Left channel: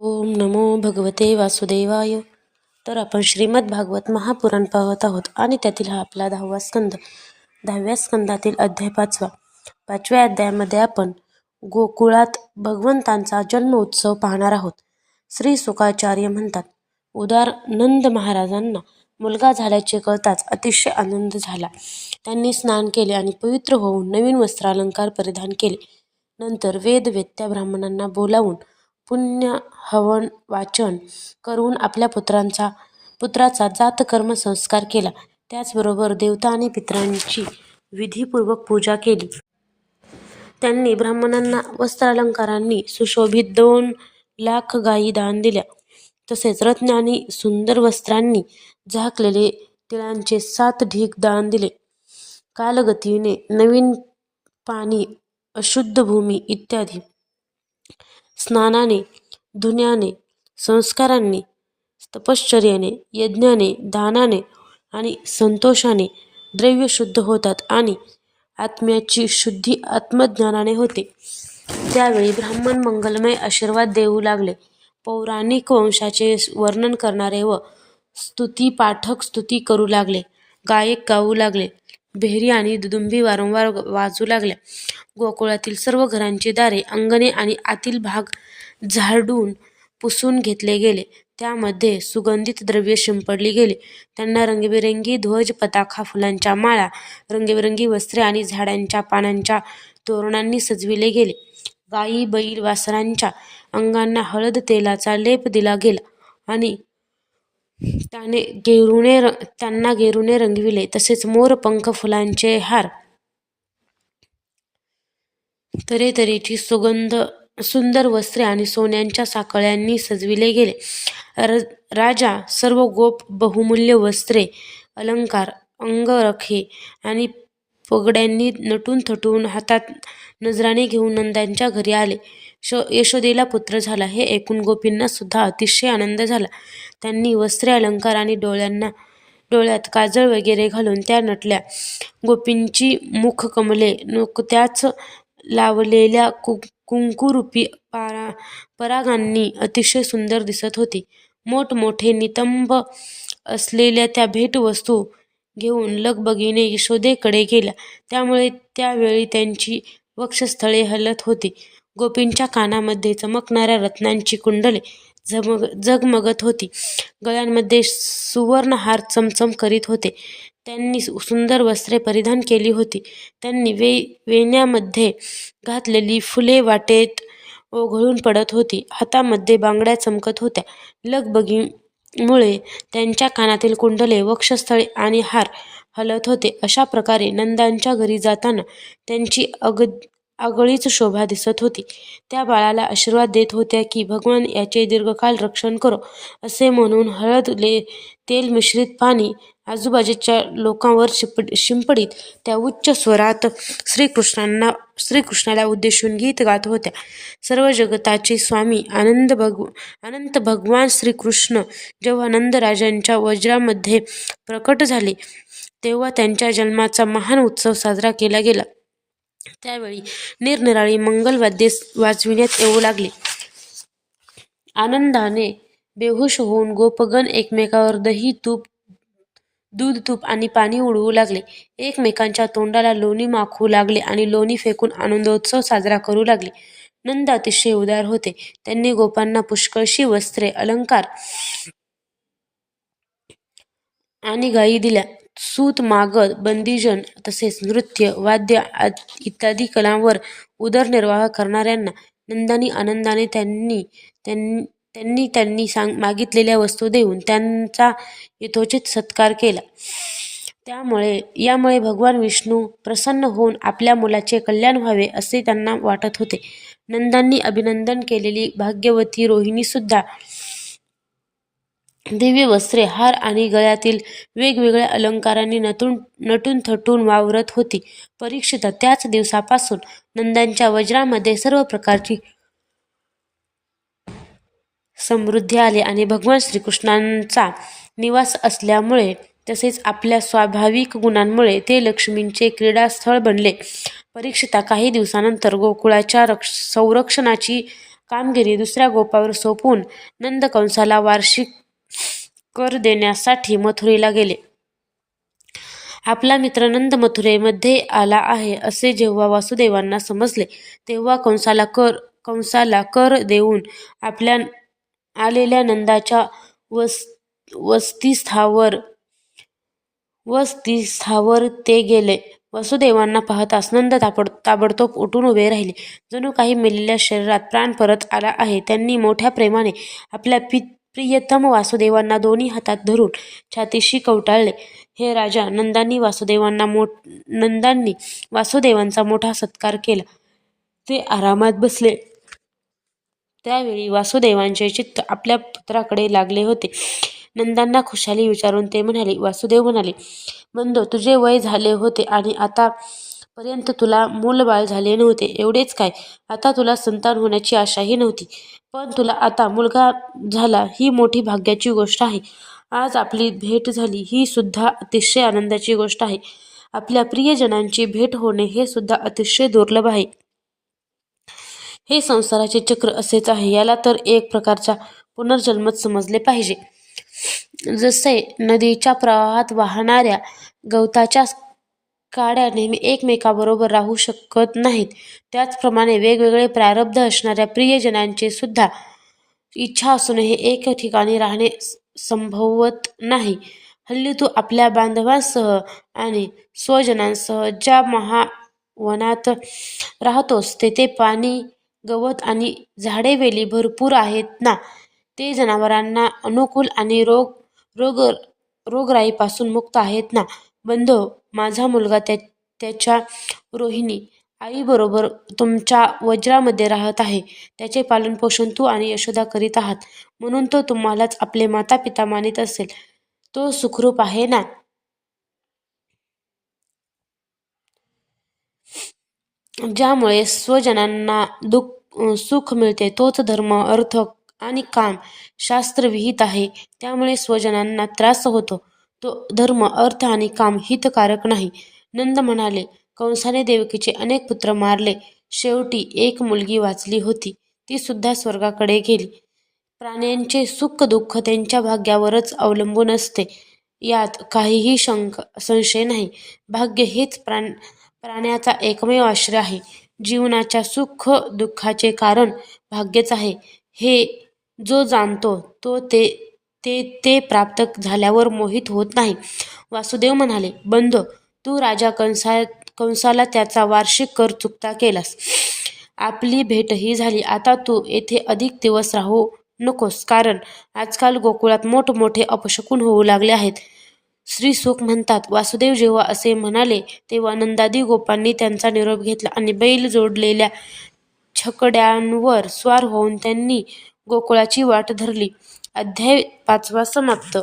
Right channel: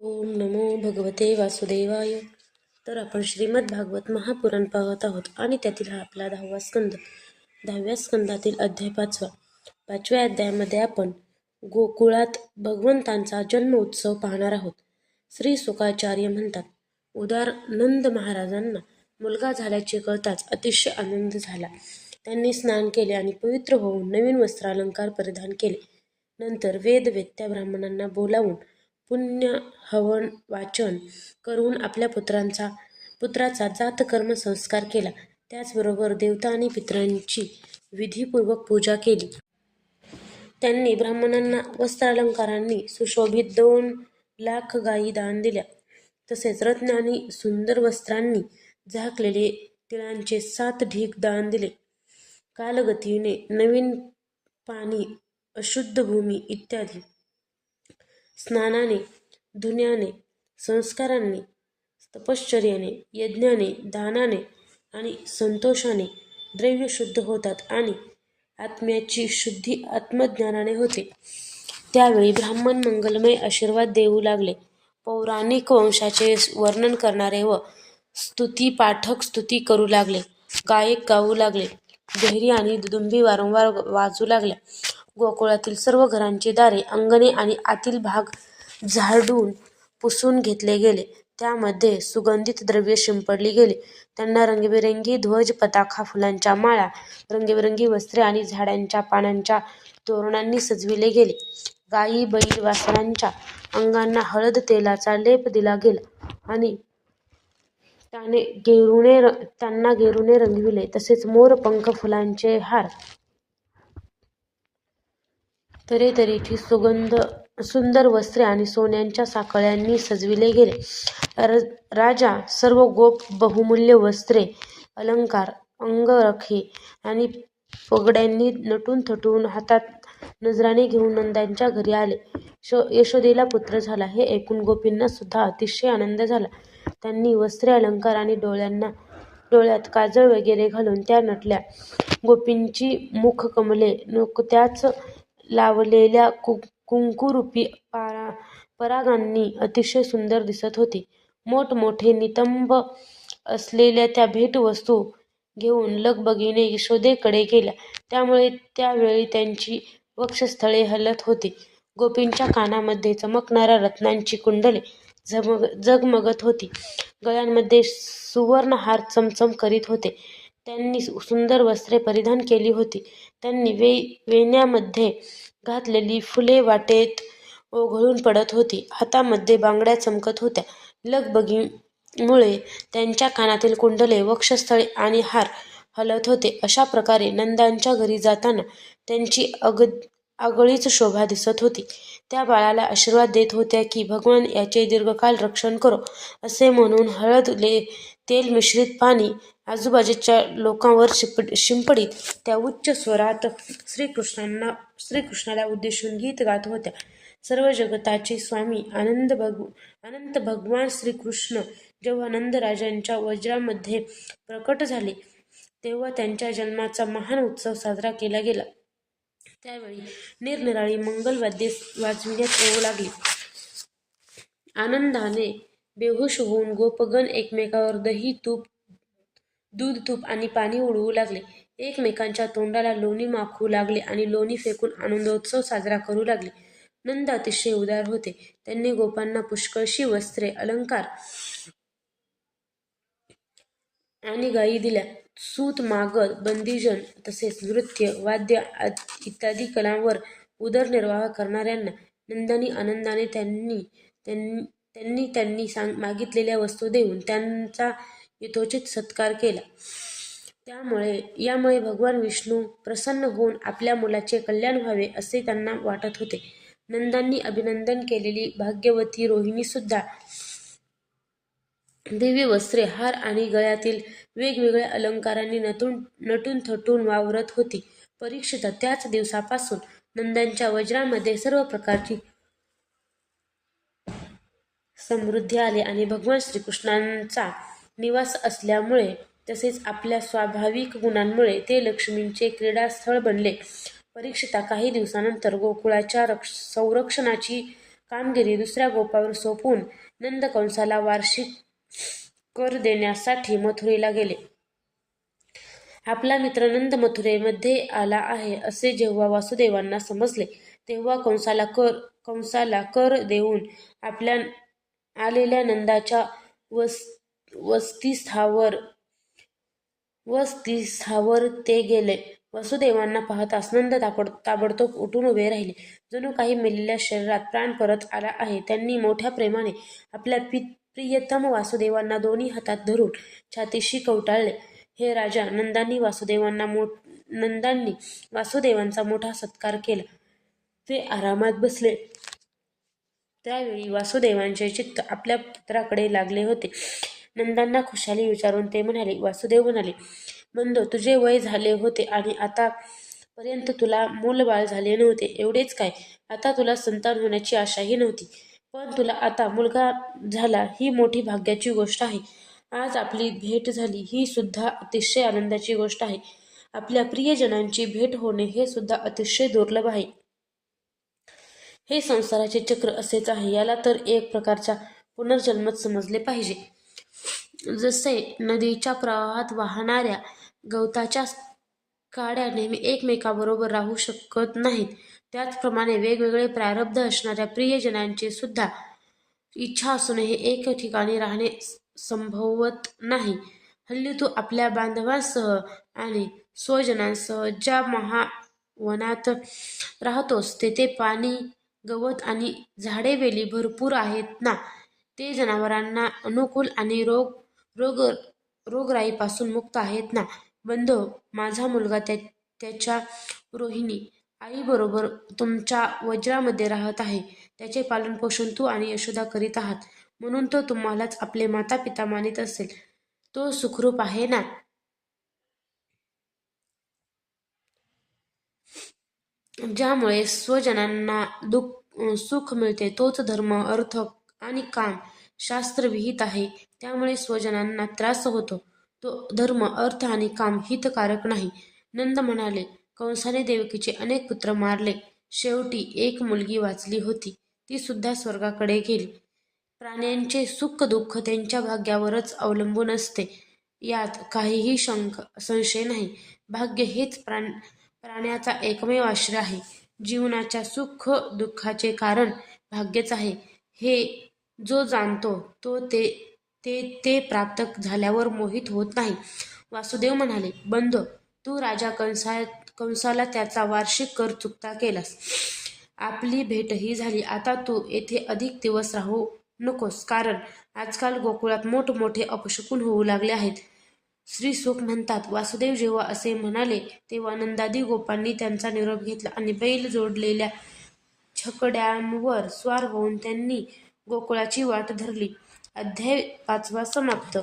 ओम नमो भगवते वासुदेवाय. तर आपण श्रीमद भागवत महापुराण पाहत आहोत आणि त्यातील हा आपला 10वा स्कंद. 10व्या स्कंदातील अध्याय 5वा. 5व्या अध्यायामध्ये आपण गोकुळात भगवंतांचा जन्म उत्सव पाहणार आहोत. श्री सुकाचार्य म्हणतात, उदार नंद महाराजांना मुलगा झाल्याचे कळताच अतिशय आनंद झाला. त्यांनी स्नान केले आणि पवित्र होऊन नवीन वस्त्रालंकार परिधान केले. नंतर वेदवेत्या ब्राह्मणांना बोलावून पुण्य हवन वाचन करून आपल्या पुत्राचा जातकर्म संस्कार केला. त्याचबरोबर देवता आणि पितरांची विधीपूर्वक पूजा केली. त्यांनी ब्राह्मणांना वस्त्रालंकारांनी सुशोभित 2,00,000 गायी दान दिल्या. तसेच रत्ने आणि सुंदर वस्त्रांनी झाकलेले तिळांचे 7 ढीग दान दिले. कालगतीने नवीन पाणी, अशुद्ध भूमी इत्यादी स्नानाने, धुण्याने, संस्कारांनी, तपश्चर्याने, यज्ञाने, दानाने आणि संतोषाने द्रव्य शुद्ध होतात आणि आत्म्याची शुद्धी आत्मज्ञानाने होते. त्यावेळी ब्राह्मण मंगलमय आशीर्वाद देऊ लागले. पौराणिक वंशाचे वर्णन करणारे व स्तुतीपाठक स्तुती करू लागले. गायक गाऊ लागले. बेहरी आणि दुदुंबी वारंवार वाजू लागल्या. गोकुळातील सर्व घरांची दारे, अंगणे आणि आतील भाग झाडून पुसून घेतले गेले. त्यामध्ये सुगंधित द्रव्ये शिंपडली गेली. त्यांना रंगीबेरंगी ध्वज, पताका, फुलांच्या माळा, रंगीबेरंगी वस्त्रे आणि झाडांच्या पानांच्या तोरणांनी सजविले गेले. गायी, बैल, वासरांच्या अंगांना हळद तेलाचा लेप दिला गेला आणि त्यांना गेरुने रंगविले. तसेच मोर, पंख, फुलांचे हार, तऱ्हेतऱ्हेची सुंदर वस्त्रे आणि सोन्याच्या साकळ्यांनी सजविले गेले. राजा सर्व गोप, बहुमूल्य वस्त्रे, अलंकार, अंगरखे आणि पगड्यांनी नटून थटून हातात नजराणे घेऊन नंदांच्या घरी आले. यशोदेला पुत्र झाला हे ऐकून गोपींना सुद्धा अतिशय आनंद झाला. त्यांनी वस्त्रे, अलंकार आणि डोळ्यात काजळ वगैरे घालून त्या नटल्या. गोपींची मुखकमले नुकत्याच लावलेल्या कुंकुरूपी परागांनी अतिशय सुंदर दिसत होती. मोठमोठे नितंब असलेल्या त्या भेटवस्तू घेऊन लगबगीने यशोदेकडे गेल्या. त्यामुळे त्यावेळी त्यांची वक्षस्थळे हलत होती. गोपींच्या कानामध्ये चमकणाऱ्या रत्नांची कुंडले झगमगत होती. गळ्यांमध्ये सुवर्णहार चमचम करीत होते. त्यांनी सुंदर वस्त्रे परिधान केली होती. त्यांनी वेण्यामध्ये घातलेली फुले वाटेत ओघळून पडत होती. हातामध्ये बांगड्या चमकत होत्या. लगबगीमुळे त्यांच्या कानातील कुंडले, वक्षस्थळे आणि हार हलत होते. अशा प्रकारे नंदांच्या घरी जाताना त्यांची आगळीच शोभा दिसत होती. त्या बाळाला आशीर्वाद देत होत्या की भगवान याचे दीर्घकाळ रक्षण करो असे म्हणून हळद तेल मिश्रित पाणी आजूबाजूच्या लोकांवर शिंपडीत त्या उच्च स्वरात श्रीकृष्णाला उद्देशून गीत गात होत्या. सर्व जगताचे स्वामी अनंत भगवान श्रीकृष्ण जेव्हा नंदराजांच्या वज्रामध्ये प्रकट झाले तेव्हा त्यांच्या जन्माचा महान उत्सव साजरा केला गेला. त्यावेळी निरनिराळी मंगलवाद्ये वाजविण्यात येऊ लागली. आनंदाने बेहोश होऊन गोपगण एकमेकावर दही, दूध, तूप आणि पाणी उडवू लागले. एकमेकांच्या तोंडाला लोणी माखू लागले आणि लोणी फेकून आनंदोत्सव साजरा करू लागले. नंद अतिशय उदार होते. त्यांनी गोपांना पुष्कळशी वस्त्रे, अलंकार आणि गायी दिल्या. सूत, मागद, बंदीजन तसेच नृत्य, वाद्य इत्यादी कलांवर उदरनिर्वाह करणाऱ्यांना नंदांनी आनंदाने त्यांनी मागितलेल्या वस्तू देऊन त्यांचा यथोचित सत्कार केला. यामुळे भगवान विष्णू प्रसन्न होऊन आपल्या मुलाचे कल्याण व्हावे असे त्यांना वाटत होते. नंदांनी अभिनंदन केलेली भाग्यवती रोहिणी सुद्धा दिव्य वस्त्रे, हार आणि गळ्यातील वेगवेगळ्या अलंकारांनी नटून थटून वावरत होती. परीक्षिता, त्याच दिवसापासून नंदांच्या वज्रामध्ये सर्व प्रकारची समृद्धी आली आणि भगवान श्रीकृष्णांचा निवास असल्यामुळे तसेच आपल्या स्वाभाविक गुणांमुळे ते लक्ष्मींचे क्रीडास्थळ बनले. परीक्षिता, काही दिवसानंतर गोकुळाच्या संरक्षणाची कामगिरी दुसऱ्या गोपावर सोपवून नंद कंसाला वार्षिक कर देण्यासाठी मथुरेला गेले. आपला मित्र नंद मथुरेमध्ये आला आहे असे जेव्हा वासुदेवांना समजले तेव्हा कंसाला कर देऊन आपल्या आलेल्या नंदाच्या वसतिस्थावर ते गेले. वासुदेवांना पाहताच नंद ताबडतोब उठून उभे राहिले, जणू काही मेलेल्या शरीरात प्राण परत आला आहे. त्यांनी मोठ्या प्रेमाने आपल्या प्रियतम वासुदेवांना दोन्ही हातात धरून छातीशी कवटाळले. हे राजा, नंदांनी वासुदेवांचा मोठा सत्कार केला. ते आरामात बसले. त्यावेळी वासुदेवांचे चित्त आपल्या पुत्राकडे लागले होते. नंदांना खुशाली विचारून ते म्हणाले. वासुदेव म्हणाले, बंधो, तुझे वय झाले होते आणि आतापर्यंत तुला मूलबाळ झाले नव्हते. एवढेच काय, आता तुला संतान होण्याची आशाही नव्हती. पण तुला आता मुलगा झाला ही मोठी भाग्याची गोष्ट आहे. आज आपली भेट झाली ही सुद्धा अतिशय आनंदाची गोष्ट आहे. आपल्या प्रियजनांची भेट होणे हे सुद्धा अतिशय दुर्लभ आहे. हे संसाराचे चक्र असेच आहे. याला तर एक प्रकारचा पुनर्जन्मच समजले पाहिजे. जसे नदीच्या प्रवाहात वाहणाऱ्या गवताच्या काड्या नेहमी एकमेकाबरोबर राहू शकत नाहीत, त्याचप्रमाणे वेगवेगळे प्रारब्ध असणाऱ्या प्रियजनांचे सुद्धा इच्छा असूनही एक ठिकाणी राहणे संभवत नाही. हल्ली तू आपल्या बांधवांसह आणि स्वजनांसह ज्या महावनात राहतोस तेथे पाणी, गवत आणि झाडेवेली भरपूर आहेत ना? ते जनावरांना अनुकूल आणि रोगराईपासून मुक्त आहेत ना? बंधो, माझा मुलगा त्याच्या रोहिणी आईबरोबर तुमच्या वज्रामध्ये राहत आहे. त्याचे पालनपोषण तू आणि यशोदा करीत आहात, म्हणून तो तुम्हालाच आपले माता पिता मानित असेल. तो सुखरूप आहे ना? ज्यामुळे स्वजनांना सुख मिळते तोच धर्म, अर्थ आणि काम शास्त्रविहित आहे. त्यामुळे स्वजनांना त्रास होतो तो धर्म, अर्थ आणि काम हितकारक नाही. नंद म्हणाले, कंसाने देवकीचे अनेक पुत्र मारले. शेवटी एक मुलगी वाचली होती. ती सुद्धा स्वर्गाकडे गेली. प्राण्यांचे सुख दुःख त्यांच्या भाग्यावरच अवलंबून असते, यात काहीही संशय नाही. भाग्य हेच प्राण्याचा एकमेव आश्रय आहे. जीवनाच्या सुख दुःखाचे कारण भाग्यच आहे, हे जो जाणतो तो ते प्राप्त झाल्यावर मोहित होत नाही. वासुदेव म्हणाले, बंधो, तू राजा कंसाला त्याचा वार्षिक कर चुकता केलास. आपली भेटही झाली. आता तू येथे अधिक दिवस राहू नकोस, कारण आजकाल गोकुळात मोठमोठे अपशकुन होऊ लागले आहेत. श्रीसुख म्हणतात. वासुदेव जेव्हा असे म्हणाले तेव्हा नंदादी गोपांनी त्यांचा निरोप घेतला आणि बैल जोडलेल्या छकड्यांवर स्वार होऊन त्यांनी गोकुळाची वाट धरली. अध्याय 5 समाप्त.